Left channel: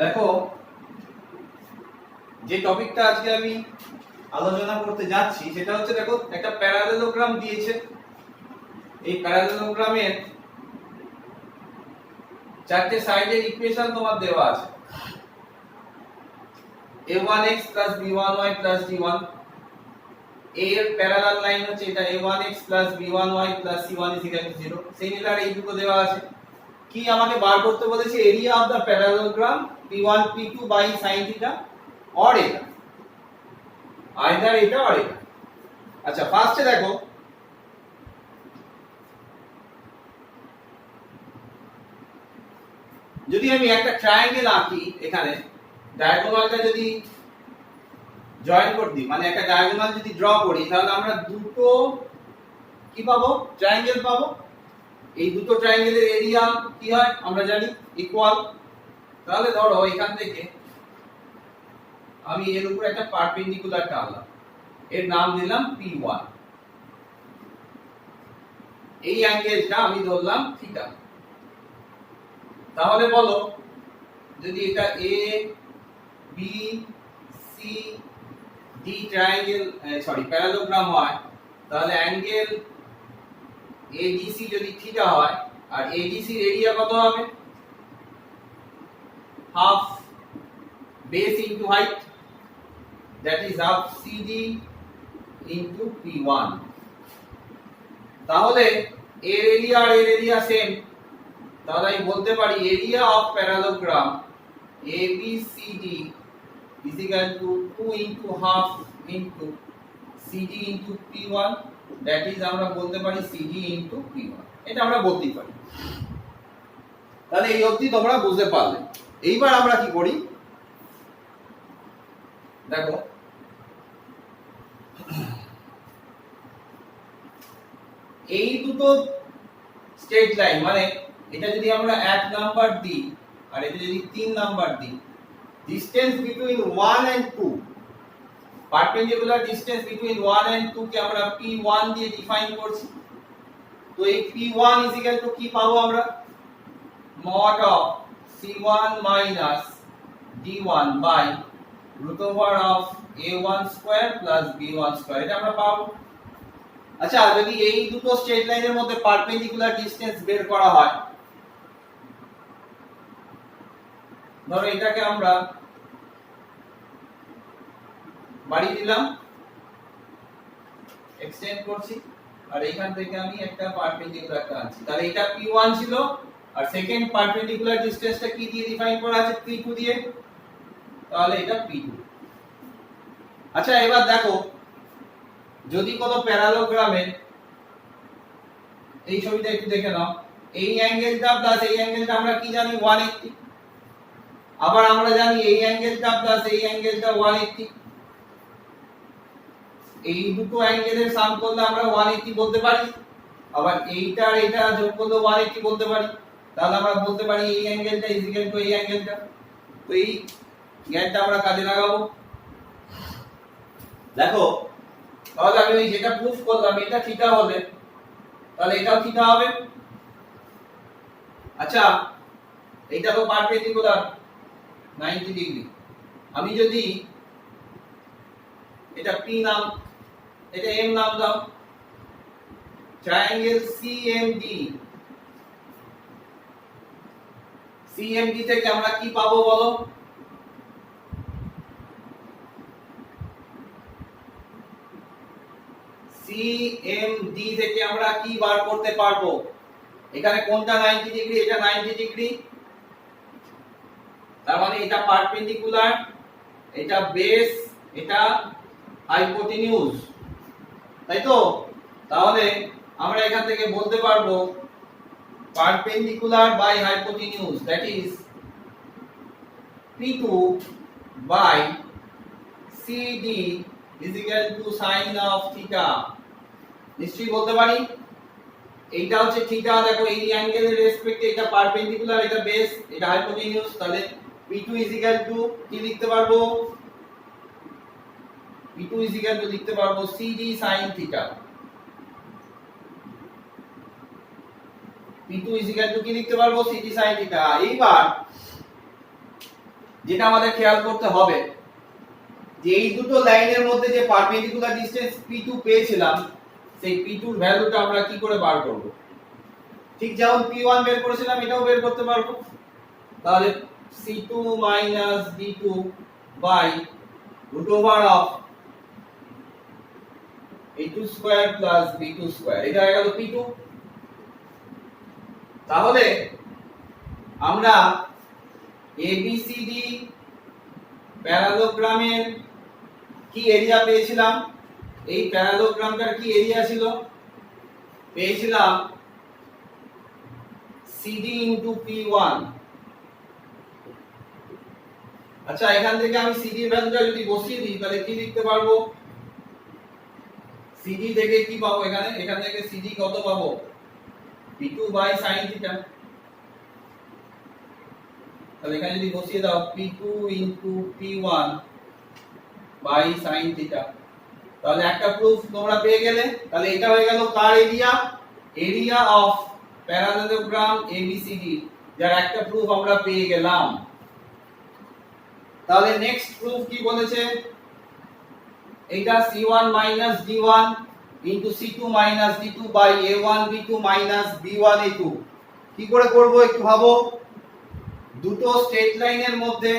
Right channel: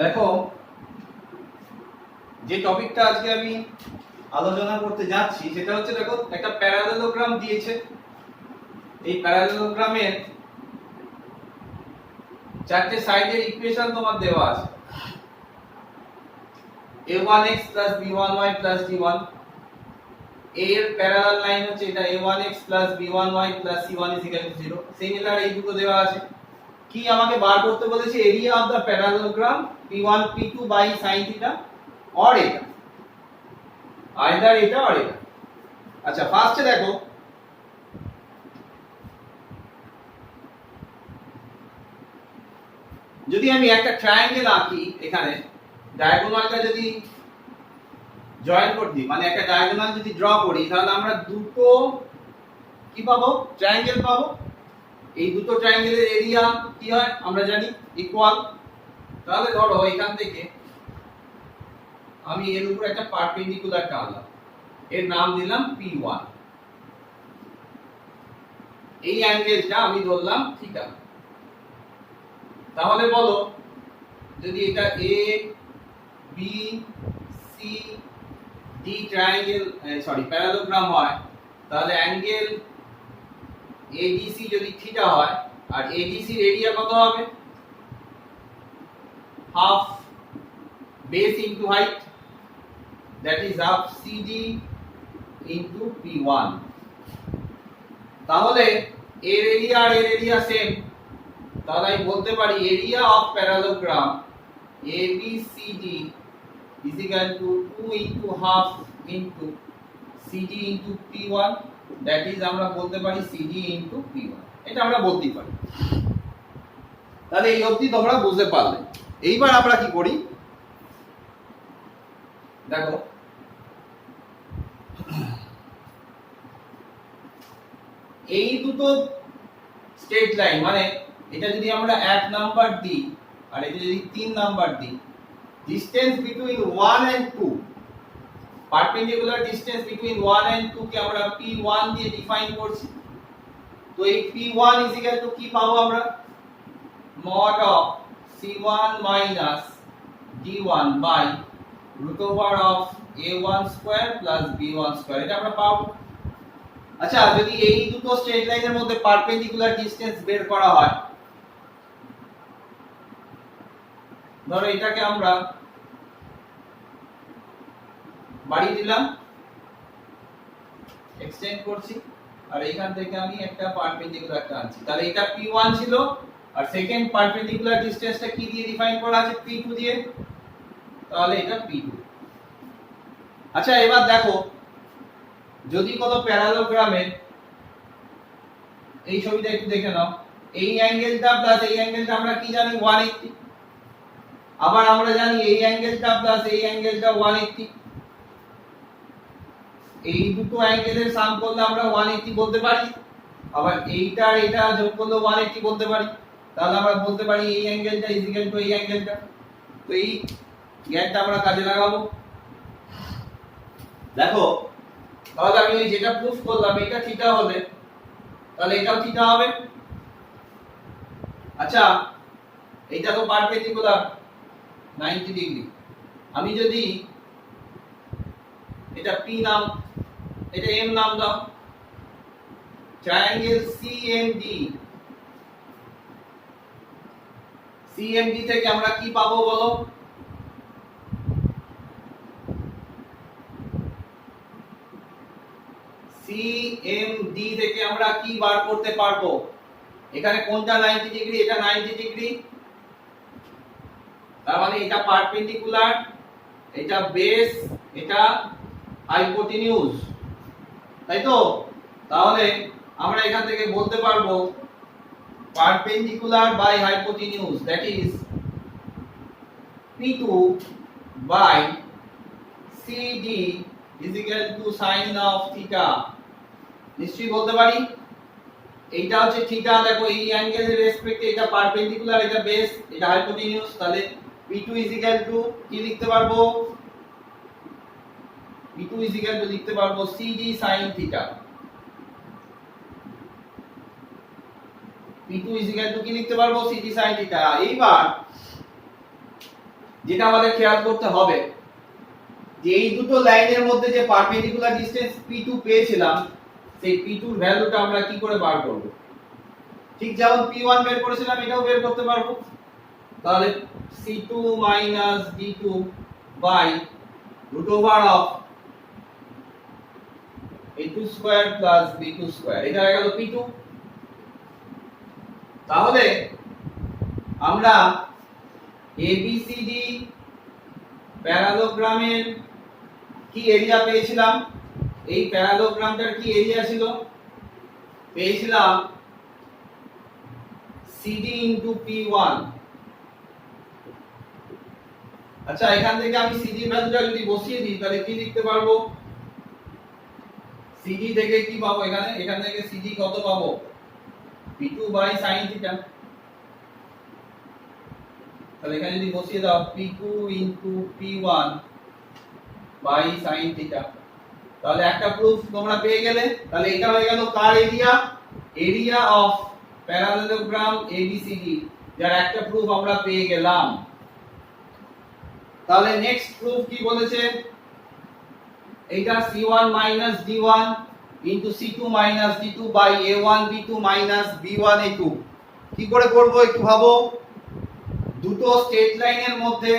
দেখো, যে টপিকটা আজকে আমি আলোচনা করতে যাচ্ছি সেটা হচ্ছে, দেখো একটা প্যারালেলোগ্রাম দিয়েছে। এই প্যারালেলোগ্রামের চারটে সাইডের ইকুয়েশন তোমার দেওয়া আছে। a1x + b1y + d1, এর প্যারালাল লাইন হচ্ছে এটা a1x + b1y + c1 = 0। সিমিলার এই দুটো দেওয়া আছে। কি আমাকে বার করতে বলেছে? Area of the parallelogram p1 p2 by sin θ or এটা, আইদার এটা অর এটা। আচ্ছা, ফার্স্টে দেখো, যদি আমি একটা ট্রায়াঙ্গেল আঁকি, এখানে ডায়াগোনালটা যদি জয়েন করে দিই, মানে একটা ডায়াগোনাল যদি ড্র করি, তাহলে আমরা দুটো কি পাবো? ট্রায়াঙ্গেল পাবো। এই দুটো ট্রায়াঙ্গেলের এরিয়া কি হয় আমরা জানি, ইকুয়াল। তাহলে ধরো এখান থেকে আমি এর উপর একটা পারপেন্ডিকুলার টানলাম, এর নাম দিলাম P1। এই অ্যাঙ্গেলটা আমি ধরলাম থিটা। তাহলে বলো, যদি এটা A B C D triangle parallelogram হয়, তাহলে অ্যাঙ্গেল ABC যদি থিটা হয়, আর ABC এর এরিয়া কত হবে? Half base into height, that is half CD into P1। তাহলে এর এরিয়া আর এর এরিয়া সেম। তাহলে আমি বলতে পারি area of parallelogram ABCD is equal to 2 into half into CD into P1, that is আমরা বলতে পারি CD into P1। এটা আমরা বলতে পারি। তাহলে এই অবধি তোমরা বুঝতে পারলে। এইবার আমরা কি করি দেখো, এই দুটো স্ট্রেট লাইন, মানে এটা যদি আমরা 1 নাম্বার দিই আর এটা যদি 3 নাম্বার দিই, distance between 1 and 2, perpendicular distance between 1 and 2 কে আমরা P1 দিয়ে ডিফাইন করছি। তো এই P1 ইজ ইকুয়াল টু কি পাবো আমরা? mod of C1 minus D1 by root over of A1 square plus B1 square, এটা আমরা পাবো। আচ্ছা, যদি এই দুটো স্ট্রেট লাইনের মধ্যে পারপেন্ডিকুলার ডিসটেন্স বের করা হয়, ধরো এটাকে আমরা বাড়িয়ে দিলাম, এক্সটেন্ড করছি, আর এইখান থেকে আমি একটা পারপেন্ডিকুলার টানছি। তাহলে এটা P1 ছিল, আর সেকেন্ড পারপেন্ডিকুলার ডিসটেন্সটা কি দিয়ে ডিফাইন করা আছে? P2 দিয়ে। তাহলে এটা P2। আচ্ছা, এবার দেখো, যদি কোনো প্যারালোগ্রামের, এই ছবিটা একটু দেখে নাও, এই অ্যাঙ্গেলটা প্লাস এই অ্যাঙ্গেলটা আমরা কি জানি? 180। আবার আমরা জানি এই অ্যাঙ্গেলটা প্লাস এই অ্যাঙ্গেলটা 180। এই দুটো অ্যাঙ্গেলের সাম করলে আমরা 180 বলতে পারি। আবার এইটা আর এটা যোগ করলে 180 বলতে পারি। তাহলে আমরা বলতে পারি এই অ্যাঙ্গেলটা ইজ ইকুয়াল টু এই অ্যাঙ্গেলটা। তো এই জ্ঞানটা আমরা কাজে লাগাবো। দেখো, তাহলে আমি যেটা প্রুফ করলাম, এটা থিটা হলে তাহলে এটাও থিটা হবে। আচ্ছা, এইটা তো পারপেন্ডিকুলার 90 ডিগ্রি। আমি যদি এটা P নাম, এটা M নাম দাও, ট্রায়াঙ্গেল CMD থেকে আমরা কি পাবো বলো? CMD থেকে আমরা কি বার করতে পারবো? এখানে কোনটা 90 ডিগ্রি? এটা 90 ডিগ্রি। তার মানে এটা পারপেন্ডিকুলার, এটা বেস, এটা হাইপোটেনিউজ, তাই তো? তাহলে আমরা এখান থেকে বলতে পারবো perpendicular by hypotenuse, that is P2 by CD is equal to sin of theta। নিশ্চয়ই বলতে পারি এইটা হচ্ছে থিটা। দেখো, এই অ্যাঙ্গেলের রেসপেক্টে এটা পারপেন্ডিকুলার, এটা বেস, এটা হাইপোটেনিউজ। তাহলে P2 is equal to কি লিখতে পারবো? P2 is equal to লিখতে পারবো CD sin theta। P2 is equal to কি লিখতে পারবো? CD sin theta। এইবার যেটা আমাদের খেয়াল করতে হবে যে এই দুটো লাইনের মধ্যে যে পারপেন্ডিকুলার ডিসটেন্স P2 পেয়েছিলাম সেই P2 এর ভ্যালুটা আমরা কি করে বার করব? ঠিক যেমন P1 বের করেছিলাম এটাও বের করতে পারবো। তাহলে C2 D2 by root over of A2 square plus B2 square, এটা হয়ে গেল P2। তাহলে আমরা ABCD প্যারালোগ্রামের কি এরিয়া পেয়েছিলাম? এই প্যারালোগ্রামটার কি এরিয়া ছিল? পেয়েছিলাম CD into P1। আচ্ছা, এখান থেকে আমি CD এর ভ্যালুটা যদি বসিয়ে দিই তাহলে কি লিখতে পারবো? CD থেকে কি পাবো? এখান থেকে CD কত পাবো? P2 by sin theta. তাহলে এখানে যদি বসিয়ে দাও P2 into P1 by sin theta, তাহলে একটা প্রুফ তোমরা পেয়ে গেলে। তাহলে এটা হয়ে গেল কার area? Area of parallelogram ABCD, যার একটা প্রুফ আমরা পেয়ে গেলাম। তাহলে নেক্সট প্রুফ কি বলেছে? এটা C1 D1 into C2 D2 by A1 B2 B1 A2। কি করে করব একটু ভাবো। দুটো স্ট্রেট লাইনের মধ্যে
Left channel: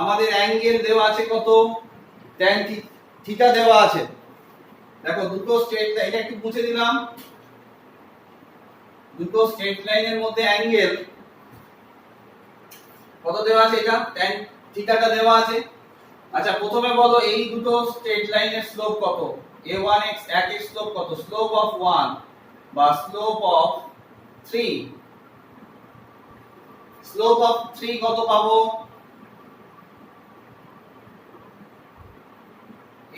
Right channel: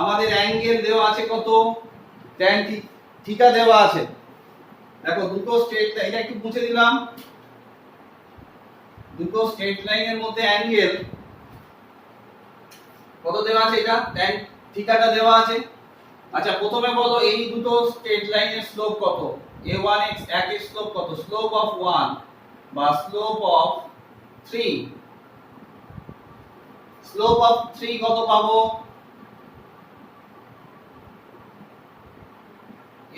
আমাদের অ্যাঙ্গেল দেওয়া আছে কত? tan থিটা দেওয়া আছে। দেখো দুটো স্ট্রেট লাইন, এটা একটু মুছে দিলাম। দুটো স্ট্রেট লাইনের মধ্যে অ্যাঙ্গেল কত দেওয়া আছে? এটা tan থিটাটা দেওয়া আছে। আচ্ছা, প্রথমে বলো এই দুটো স্ট্রেট লাইনের স্লোপ কত? a1x একের স্লোপ কত? স্লোপ অফ 1 বা স্লোপ অফ 3। স্লোপ অফ 3 কত পাবো?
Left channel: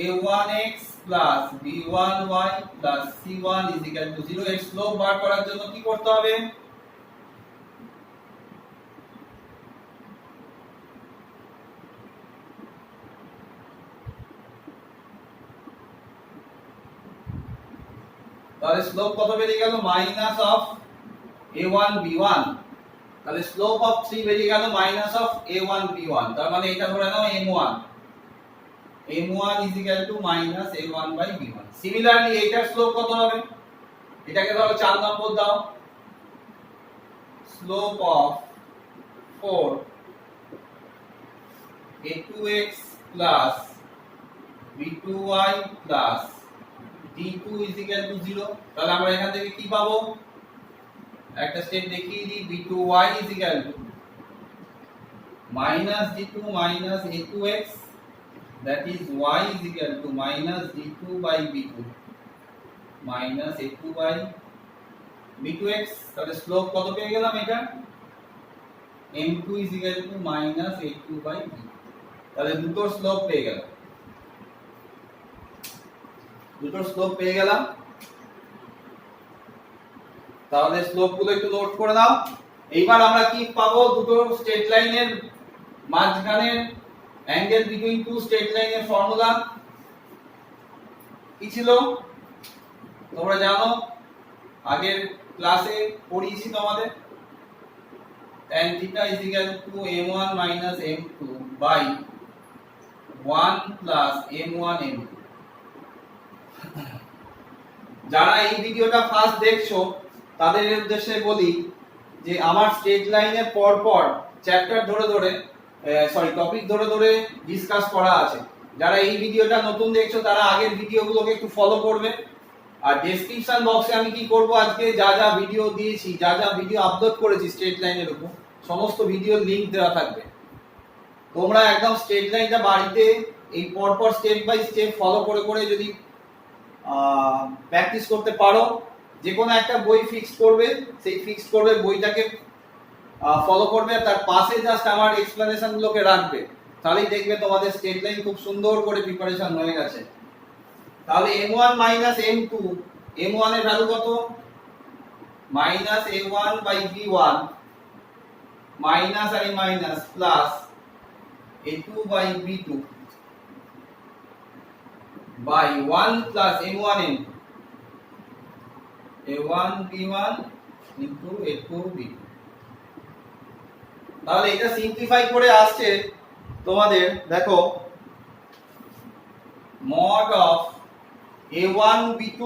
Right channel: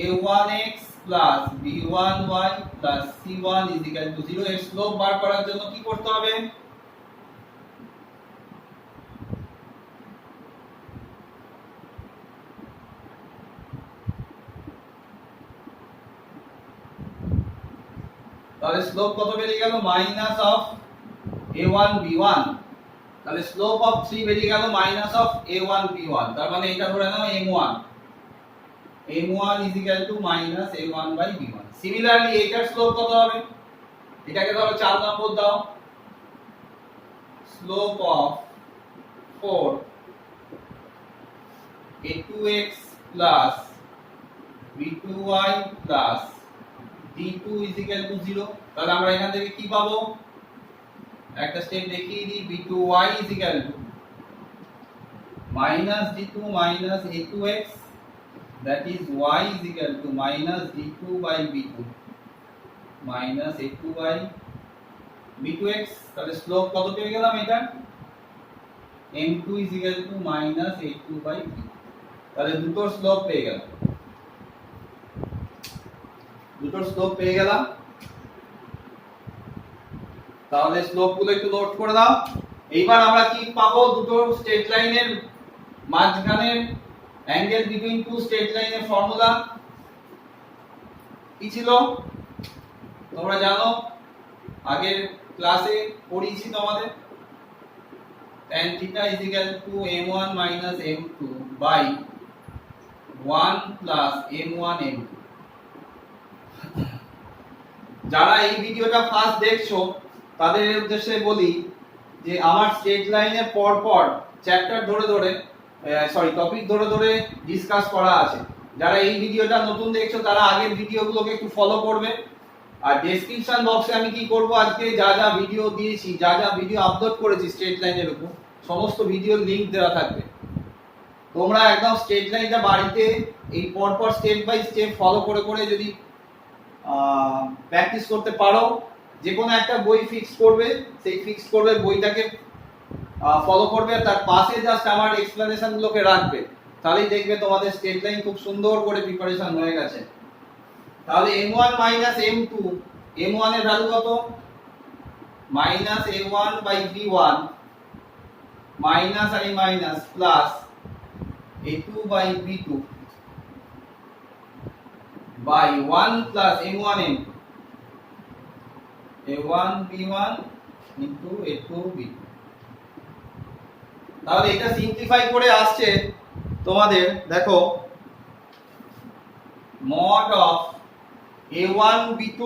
a1x plus b1y plus c1 is equal to 0। এর স্লোপ বার করার জন্য কি করতে হবে? তাহলে স্লোপ কত বেরিয়ে গেল? Minus of a1 b1। তাহলে স্লোপ অফ 3 বেরিয়ে গেল মাইনাস অফ a1 b1। তার মানে এটা ধরে নাও m1। m1 is equal to minus a1 by b1। Similarly এটার স্লোপ কত হবে? এটাকে ধরো 4 নম্বর দাও। Slope of 4 a2x plus b2y plus d2 is equal to 0। তাহলে আমরা এখান থেকে কি পাবো? একটা স্টেপ দেখিয়ে দিই। b2y is equal to minus d2 minus a2x, that is y is equal to minus d2 by b2 minus a2 by b2x। তাহলে স্লোপ কত পেয়ে গেলাম? এটা m2 is equal to minus a2 by b। তাহলে দুটোর slope পেয়ে গেলাম। তাহলে স্লোপ গুলো একটু নোট করে নাও। এইবার আমরা কি পাবো? দুটো স্ট্রেট লাইনের মাঝখানের অ্যাঙ্গেল বিটুইন টু স্ট্রেট লাইনের ফর্মুলা কি ছিল? তোমরা জানো, আগের ক্লাসে পড়িয়েছি তোমাদের। tan theta is equal to m1 minus m2 by 1 plus m1 m2। যারা এই ভিডিওটা ফার্স্ট দেখছো তাদের উদ্দেশ্যে বলি যে আমার স্ট্রেট লাইনের পর পর চ্যাপ্টার ধরে ধরে টপিক ধরে ধরে ডিসকাস করা আছে। যারা এই ভিডিওটা নতুন দেখছো তারা আগের ভিডিওগুলোকে একটু ফলো করবে। আর ডেসক্রিপশন বক্সে আমি কি করব, আজকে যা যা ভিডিও দিয়েছি, যা যা ভিডিও আপলোড করেছি স্ট্রেট লাইনের উপর, সমস্ত ভিডিওর লিংক দেওয়া থাকবে। তোমরা একদম স্ট্রেট লাইনটা বাড়িতে এই পরপর স্টেপ বাই স্টেপ ফলো করে করে যদি প্র্যাকটিস করতে পারো, যে কোনো একটা বই ফিক্সড করবে, সেই ফিক্সড করবে বইটাকে ফলো করবে, তার পাশে জাস্ট আমার এক্সপ্লেনেশন গুলোকে রাখবে, তাহলেই দেখবে তোমাদের স্ট্রেট লাইন খুব সুন্দর করে প্রিপারেশন হয়ে গেছে। তাহলে m1 মাইনাস m2, m1 এর ভ্যালু কত? Minus a1 by b1 minus আর minus plus a2 by b2 by 1 plus m1 m2 a1 b1 into a2 b2। তাহলে এটা সিম্পলিফাই করে আসছে তোমাদের দেখো mod of a1 b2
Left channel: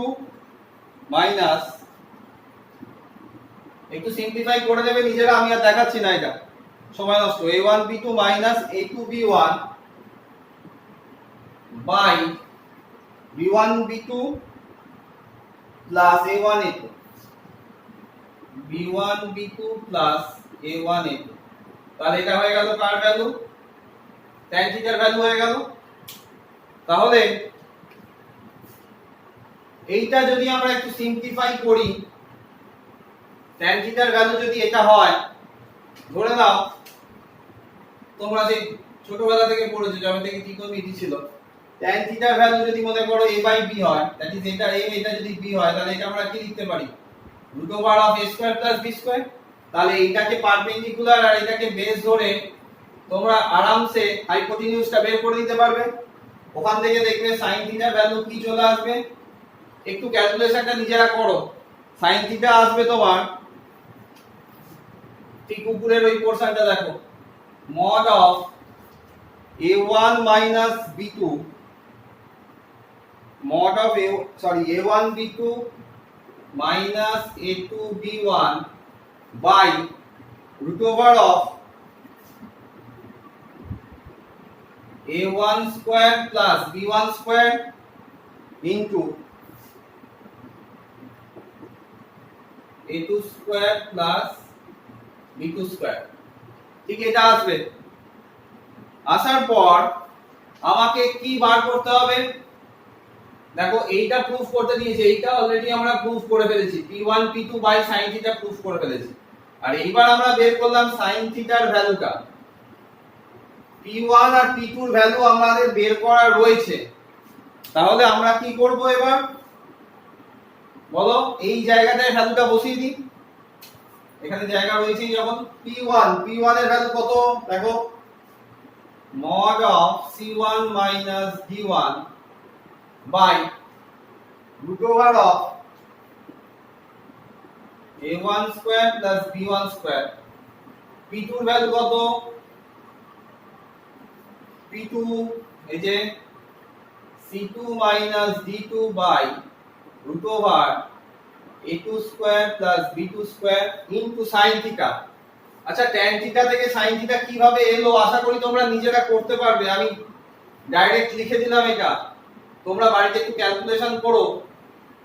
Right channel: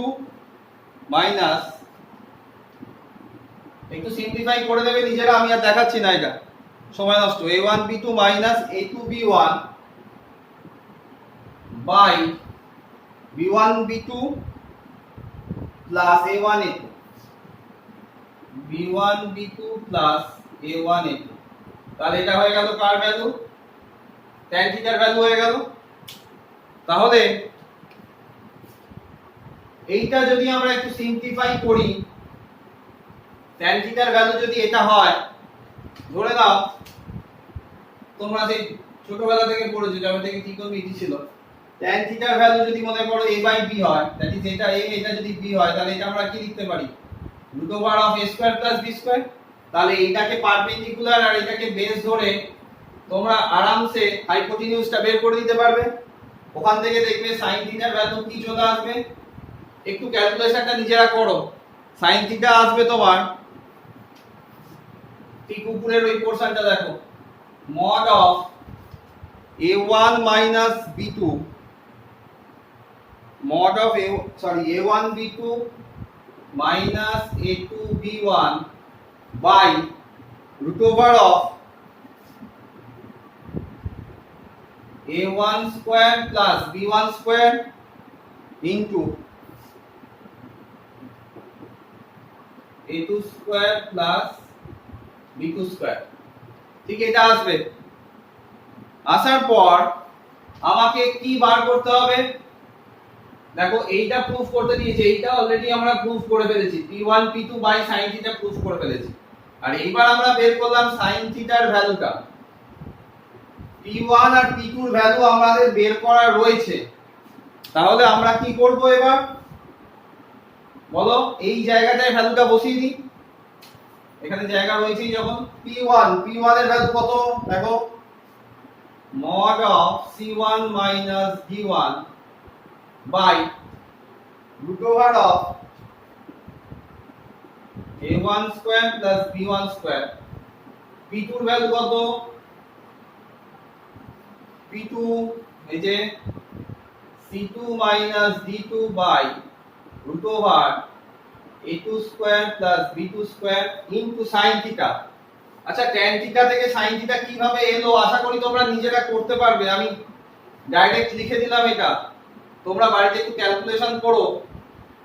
minus, একটু সিম্পলিফাই করে দেবে নিজেরা, আমি আর দেখাচ্ছি না, এটা সময় নষ্ট। a1 b2 minus a2 b1 by b1 b2 plus a1 a2, b1 b2 plus a1 a2। তাহলে এটা হয়ে গেল কার ভ্যালু? tan থিটার ভ্যালু হয়ে গেল। তাহলে এইটা যদি আমরা একটু সিম্পলিফাই করি, tan থিটার ভ্যালু যদি এটা হয়, ধরে নাও তোমরা সেই ছোটবেলা থেকে পড়েছো, যবে থেকে ত্রিকোণমিতি ছিল, tan থিটার ভ্যালু যদি মনে করো a বাই b হয়, দ্যাট ইজ এটা a, এটা যদি b হয়, তাহলে এটা আমরা কি লিখতে পারি? Root over of a square plus b square. তাহলে এইটাকে পারপেন্ডিকুলার আর এটাকে বেস ধরে তোমরা আরামসে হাইপোটেনিউসটা বের করে দিতে পারবে। ওখান থেকে দেখবে sin থিটার ভ্যালু কি চলে আসবে, একটু ক্যালকুলেশনটা নিজেরা করো। sin থিটা আসবে তোমার ঠিক উপরের ওই পোরশনটা দেখো, mod of a1 minus b2, mod of a1 b2 minus a2 b1 by root over of a1 square plus b1 square into a2 square plus b2 square। ঠিক এটা আসবে। আসার পর আমাকে কি বার করতে হবে? দেখো এইটা প্রুফ করতে দিয়েছে, এইটা অলরেডি আমরা প্রুফ করে ফেলেছি, p1 p2 by sin theta proof করে ফেলেছি। আর এইবার আমরা বের করলাম sin থিটার ভ্যালুটা। p1 আর p2 এর ভ্যালু আমাদের বের করা রয়েছে। তাহলে আমরা কি করব এবার বলো? এই জায়গাটায় ভ্যালুটা বসিয়ে দিই, এখানে জায়গা রয়েছে যখন। p1 এর ভ্যালু কত দেখো, mod of c1 minus d1 by root over of a1 square plus b1 square। p2 এর ভ্যালু কত? p2 এই যে c2 minus d2 by root over a2 square plus b2 square into sin theta। আচ্ছা tan theta থেকে sin theta কিভাবে এলো আশা করি তোমরা নিজেরা করতে পারবে, আমি ডাইরেক্ট লিখে দিলাম এটা, তোমরা বাড়িতে একটু ক্যালকুলেশন করো,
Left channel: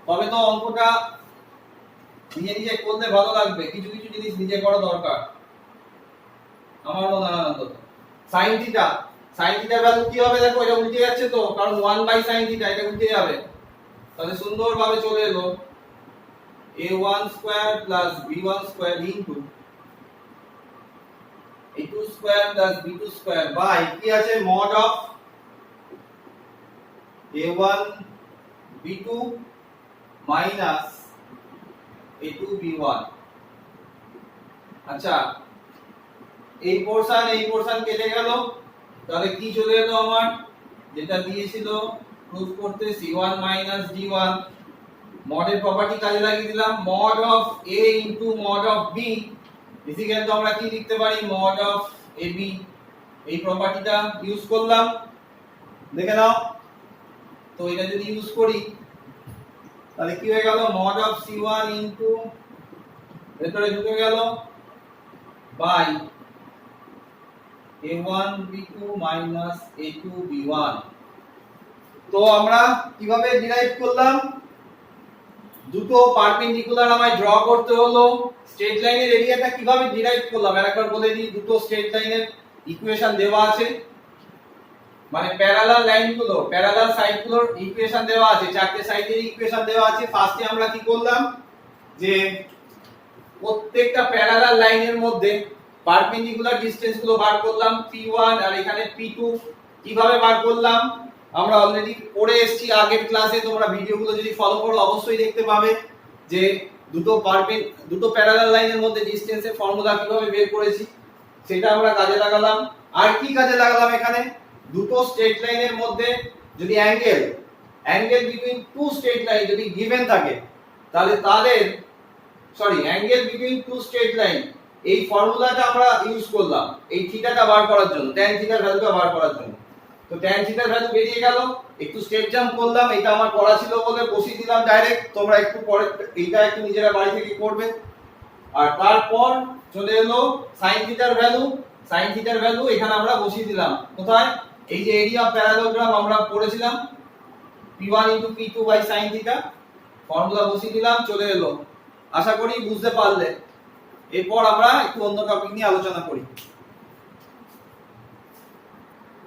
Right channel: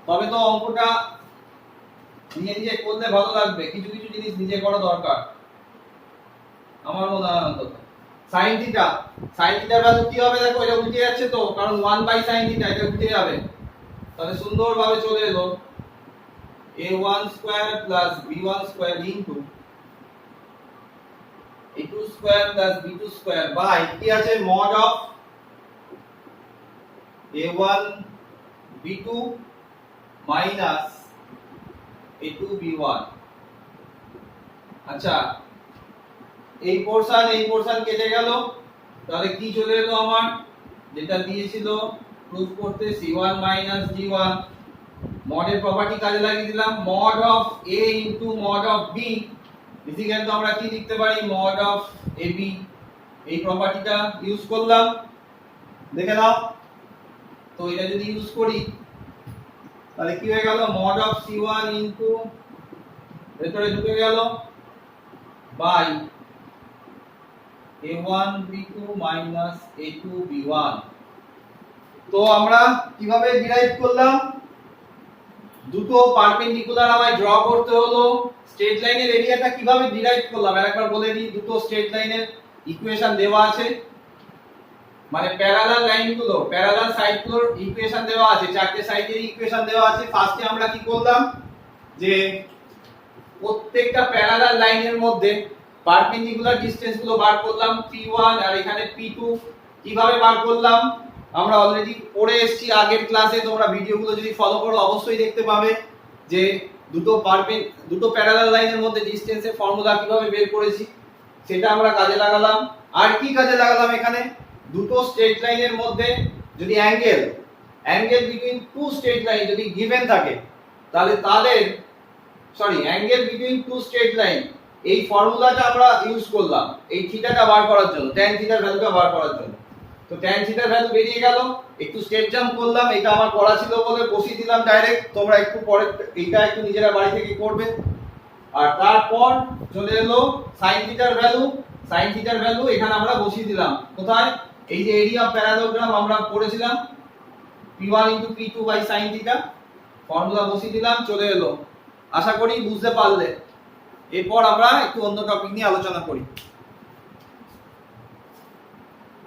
তবে তো অঙ্কটা নিজে নিজে করলে ভালো লাগবে। কিছু কিছু জিনিস নিজে করা দরকার আমার মনে হয় অন্তত। sin থিটার ভ্যালু কি হবে দেখো, এটা উল্টে যাচ্ছে তো, কারণ 1 বাই sin থিটা, এটা উল্টে যাবে। তাহলে সুন্দরভাবে চলে এলো a1 square plus b1 square into a2 square plus b2 square by কি আছে mod of a1 b2 minus a2 b1। আচ্ছা এই পোরশন কেটে গেল, তাহলে কি চলে এলো আমার, যেটা দিয়েছিল প্রুফ করতে c1 minus d1, মডের প্রপার্টি কাজে লাগিয়ে দিলাম, mod of a into mod of b equal to আমরা কি লিখতে পারি, mod of ab। এই প্রপার্টিটা ইউজ করলাম, দেখে নাও তো। এটা যদি ইউজ করি তাহলে কি হয়ে গেল, mod of c1 into ভেতরে ঢুকে গেল by a1 b2 minus a2 b1। তো আমরা কিভাবে ডিরাইভ করলাম, দুটো পারপেন্ডিকুলার আমায় ড্র করতে হলো। স্ট্রেট লাইনের এরিয়াটা কিভাবে ডিরাইভ করলাম আরেকবার বলে দিই, দুটো স্ট্রেট লাইনের ইকুয়েশন দেওয়া আছে, মানে প্যারালাল লাইনগুলো, প্যারালাল সাইডগুলোর ইকুয়েশন দেওয়া আছে, চারটে সাইডের ইকুয়েশন দেওয়া আছে। ফার্স্টে আমরা কি করলাম, যে প্রত্যেকটা প্যারালাল লাইনের মধ্যে পারপেন্ডিকুলার ডিসটেন্স গুলো বার করলাম, p1 আর এখানে p2। কিভাবে বার করলাম আমরা অলরেডি পড়ে এসেছি আগের ক্লাসে, তোমরা ভিডিওগুলো যদি ফলো করো অবশ্যই দেখতে পাবে যে দুটো প্যারালাল লাইনের মধ্যে ডিসটেন্সের ফর্মুলা কিভাবে বের করেছি, সেটা আমরা কাজে লাগালাম। আর কি কাজে লাগালাম, এখানে দুটো স্ট্রেট লাইনের মধ্যে যদি angle between two straight line যদি গিভেন থাকে, তাহলে angle between two straight line এই ফর্মুলাটা আমরা ইউজ করলাম এই থিটাটা বার করার জন্য, tan থিটার ভ্যালুটা বার করার জন্য। তো tan থিটার ভ্যালু বেরিয়ে গেল, একটু স্টেপ জাম্প করলাম, এটা আমার পড়া ছিল বলে বসিয়ে দিলাম ডাইরেক্ট, তোমরা একটু পরে এইটা একটু নিজেরা বাড়ি থেকে করবে। আর তারপর চলে এলো sin থিটার ভ্যালু, sin থিটার ভ্যালু এখানে আমরা বসিয়ে দিলাম কোথায়, এই যে এরিয়া প্যারালোগ্রাম আমরা পড়েছিলাম p1 p2 sin theta, formula বসিয়ে দিলাম, চলে এলো। আশা করি বুঝতে পারলে। এরপর আমরা একটু অন্য টপিক নিয়ে আলোচনা করি।